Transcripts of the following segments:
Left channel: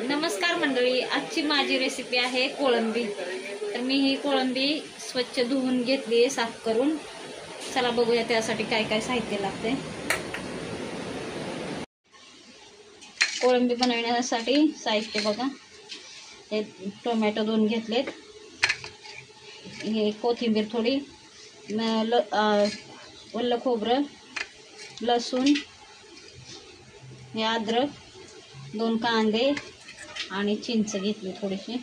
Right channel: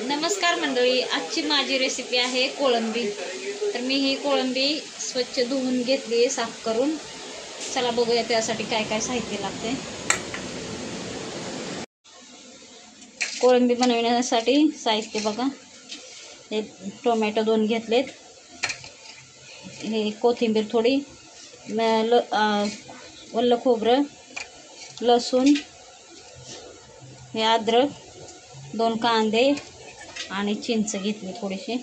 नमस्कार मंडळी, आजची माझी रेसिपी आहे कोळंबी। तर मी ही कोळंबी स्वच्छ धुवून घेतली, साफ करून। चला बघूया त्यासाठी काय काय साहित्य लागते। कोळंबी बनवण्यासाठी साहित्य बघा, हे टोमॅटो 2 घेतलेत, हे कोथिंबीर थोडी, वल्ल खोबरं, लसूण, हे अद्रक, 2 कांदे आणि चिंच घेतली थोडीशी।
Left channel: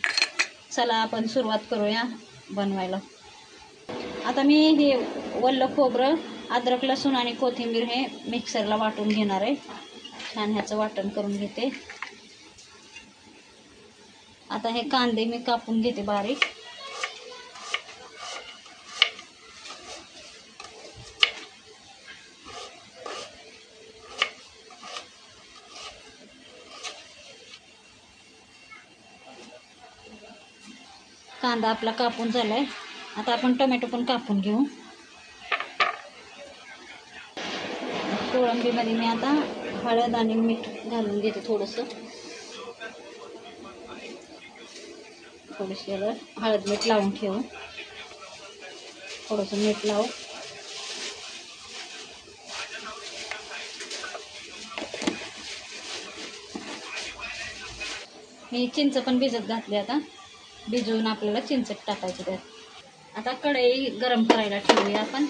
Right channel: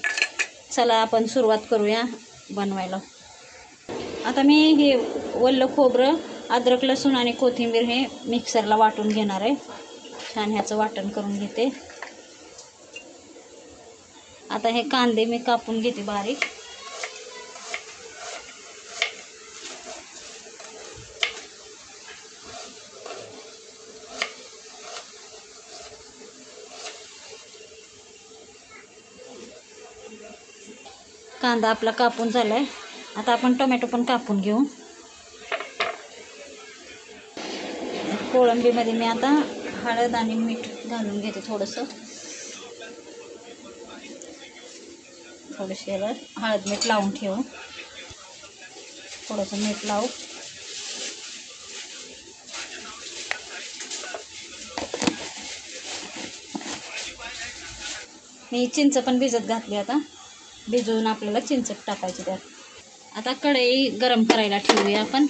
चला आपण सुरुवात करूया बनवायला। आता मी हे वल्ल खोबरं, अद्रक, लसूण आणि कोथिंबीर हे मिक्सरला वाटून घेणार आहे। छान ह्याचं वाटण करून घेते। आता हे कांदे मी कापून घेते बारीक। कांदा आपला कापून झालाय। आता आपण टोमॅटो पण कापून घेऊ। कोळंबीमध्ये मी आता हळद आणि मीठ घालून घेते थोडंसं। थोडीशी हळद मीठ लावून ठेवू, थोडंसं मीठ लावू। मी चिंच पण भिजत घातली, आता भिजवून आपल्याला चिंच टाकायची त्यात। आता कढई गरम करायला ठेवूया आपण।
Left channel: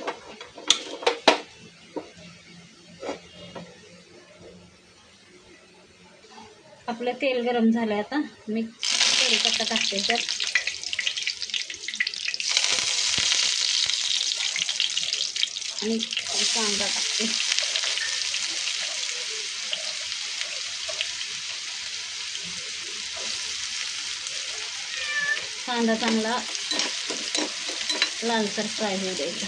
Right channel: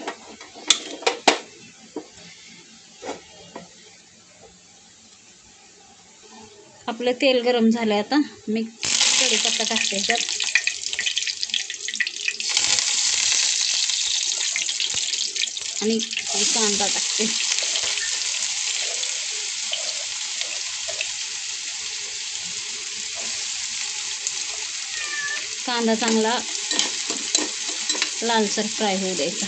आपलं तेल गरम झालंय, आता मी कढीपत्ता टाकते त्यात। आणि कांदा टाकते। कांदा चांगला लालसर फ्राय होऊ द्यायचा।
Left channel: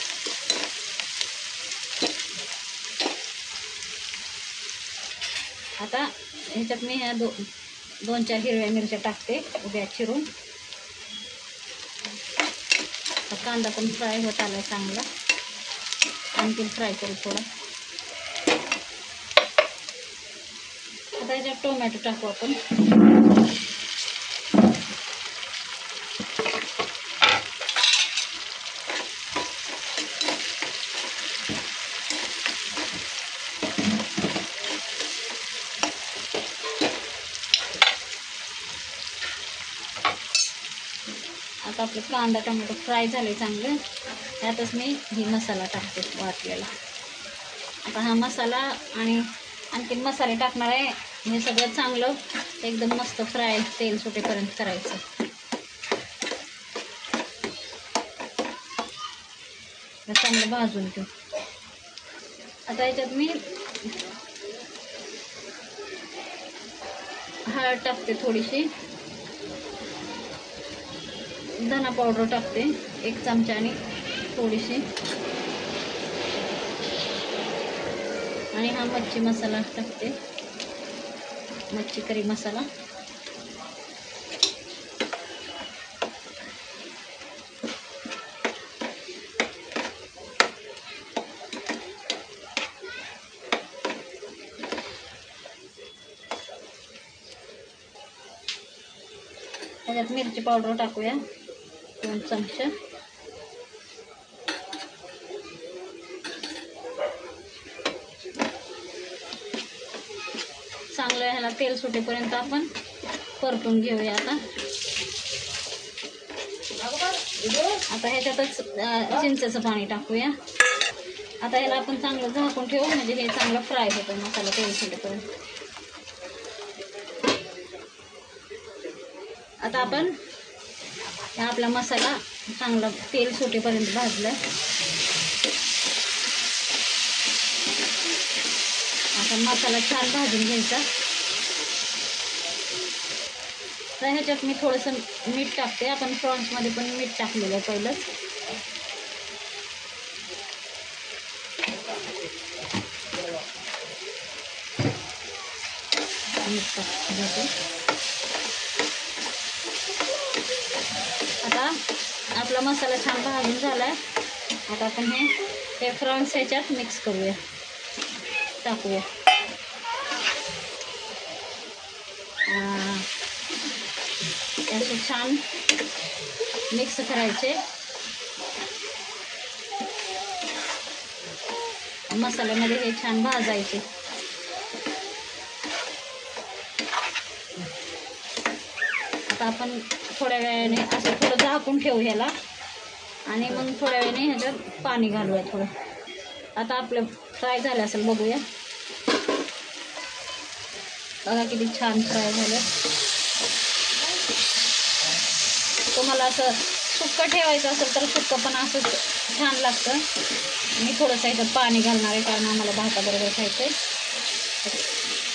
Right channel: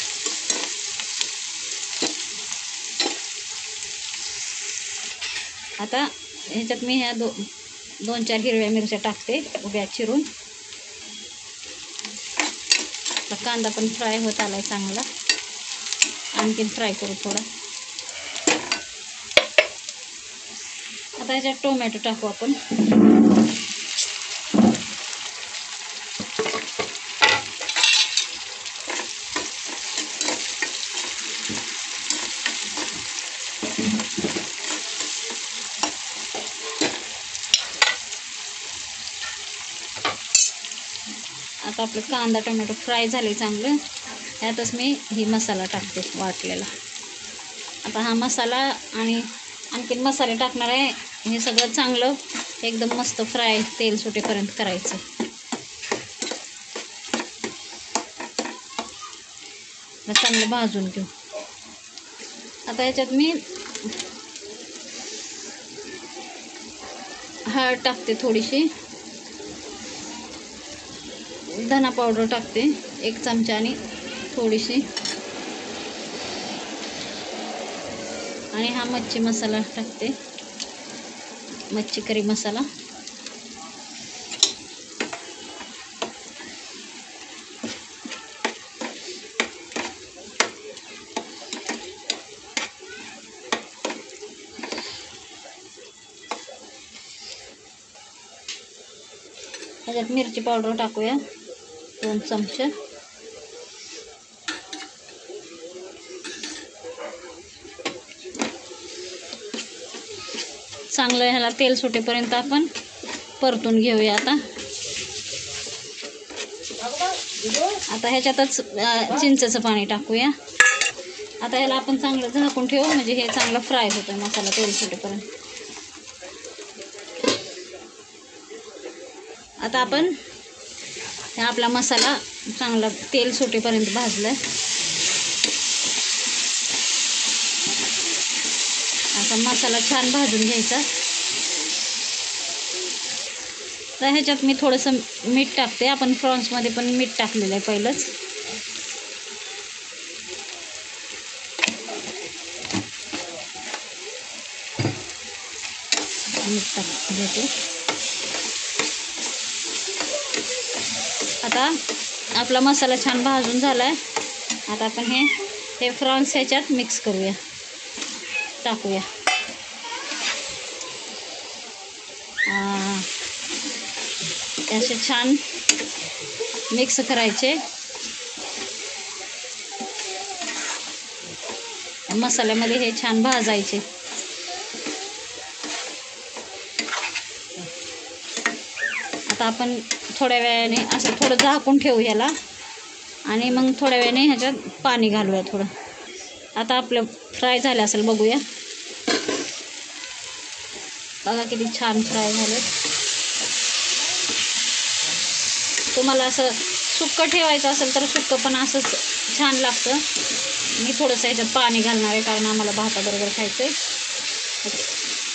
आता ह्याच्यात मी ह्या 2-4 हिरव्या मिरच्या टाकते उभ्या चिरून। तर कांदा पण फ्राय होत आलाय चांगला, आणखीन फ्राय करू थोडा। आता ह्याच्यात टोमॅटो टाकू आपण। आता आपलं कांदा टोमॅटो फ्राय झाले चांगलं, त्यातच मी ही मसाला टाकते वाटलेला। आता हा मसाला आणि आणखीन मसाले टाकणार आहे। हे सगळं चांगलं एकदम मस्त फ्राय तेल सुटेपर्यंत करायचं। चांगलं भाजून घेऊ। आता याच्यात मी हळद टाकते थोडीशी, धना पावडर टाकते 1 चमचा आणि थोडीशी, आणि हा मच्छी मसाला टाकते, मच्छी करी मसाला। ह्याच्यात मिरची पावडर टाकूया 2 चमचे। चांगलं ह्याला तेल सुटेपर्यंत आपण परतून घेऊया। आता ह्याच्यातच चिंचेचं पाणी टाकूया। आता ह्याला आपण चांगलं झाकून ठेवू, म्हणजे हे चांगलं फ्राय होतं मसाला तेल सुटेपर्यंत। आता आपण आपला मसाला चांगला तेल सुटेपर्यंत भाजलाय। आता मसाला छान भाजून घ्यायचा। तर ह्याच्यात मी थोडंसं मीठ टाकते। आपण प्रॉन्समध्ये पण मीठ टाकलेलं आहे पहिलंच। मीठ टाकते। आता आपला मसाला छान भाजून झालाय। आता आपण हे प्रॉन्स ह्याच्यात मिक्स करूया, टाकूया। असे छान मिक्स करायचे. मसाल्यामध्ये हे छान भाजायचे. आता आपण थोड्या वेळाने असं थोडं झाकून ठेवू याला आणि मग थोड्या वेळाने ह्याच्यात पाणी घालूया थोडं. आता आपलं फ्राय झालं असेल, बघूया. बघा किती छान फ्राय झालं. तुम्हाला असं सुक्कं ठेवायचं असेल तर सुक्कं पण असं छान लागतं. मी थोडंसं ह्याच्यात पाणी घालणार आहे कारण आम्हाला भाताबरोबर खायचं आहे.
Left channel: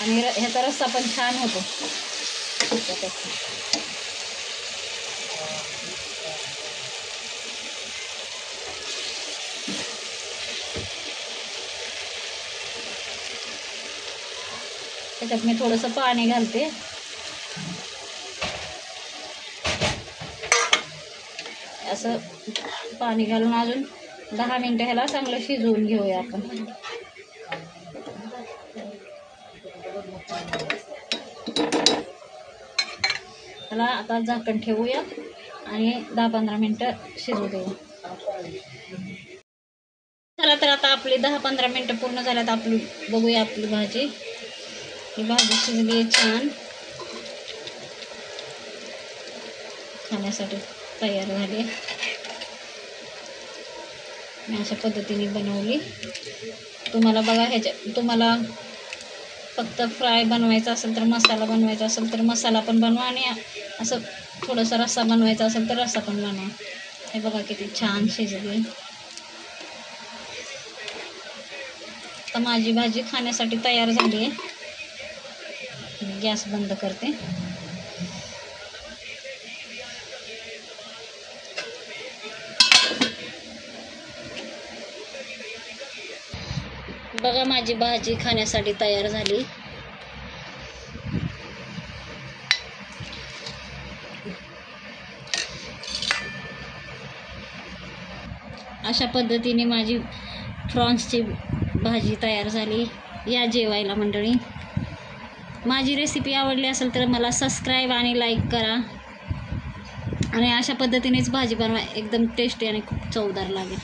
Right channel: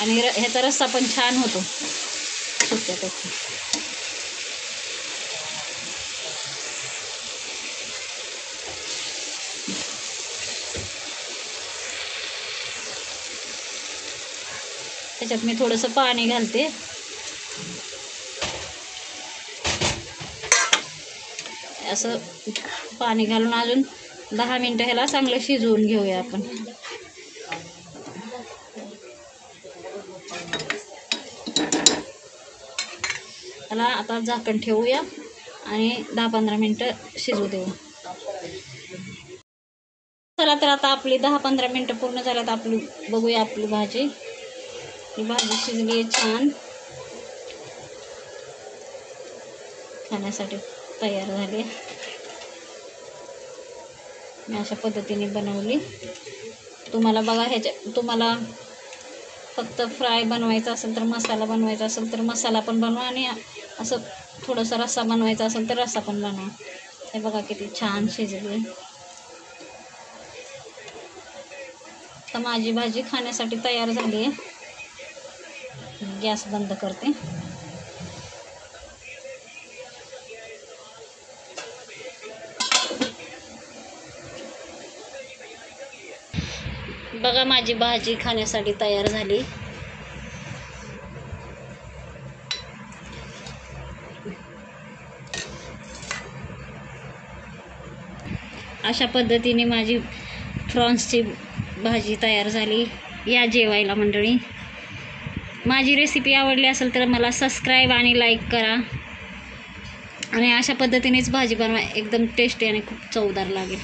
आणि ह्याचा रस्सा पण छान होतो सुक्कं तसं. त्याच्यात मी थोडंसं पाणी घालते. असं पाणी घालून अजून 10 मिनटं ह्याला चांगलं शिजवून घेऊया आपण. त्याला आता झाकण ठेवूया आणि 10-15 मिनटं शिजू देऊ. चला तर आता आपली 10-15 मिनटं पूर्ण झाल्यात. आपली बघूया आपली भाजी. ही भाजी शिजली आहे, छान खाण्यासाठी तयार झाली. मी अशा पद्धतीने बनवली. तुम्हाला बघा तुम्हाला फक्त फ्राय बनवायचा असेल तर मसाला बनवायचा असेल तर मसाला पण बनवा आणि असं थोडासा रस्सा बनवायचा असेल तर रस्सा पण बनवा. हे बघा किती छान शिजली. तर माझी भाजी खाण्यासाठी तयार झाली आहे. गॅस बंद करते. बघा माझी भाजी खाण्यासाठी तयार झाली. अशा पद्धतीने माझी प्रॉन्सची भाजी तयार झाली. या जेवायला मंडळी. माझी रेसिपी आवडली असेल तर मला सबस्क्राईब आणि लाईक करा. आणि अशा पद्धतीनेच भाजी बनवा, एकदम टेस्टी आणि खूप चवदार लागेल.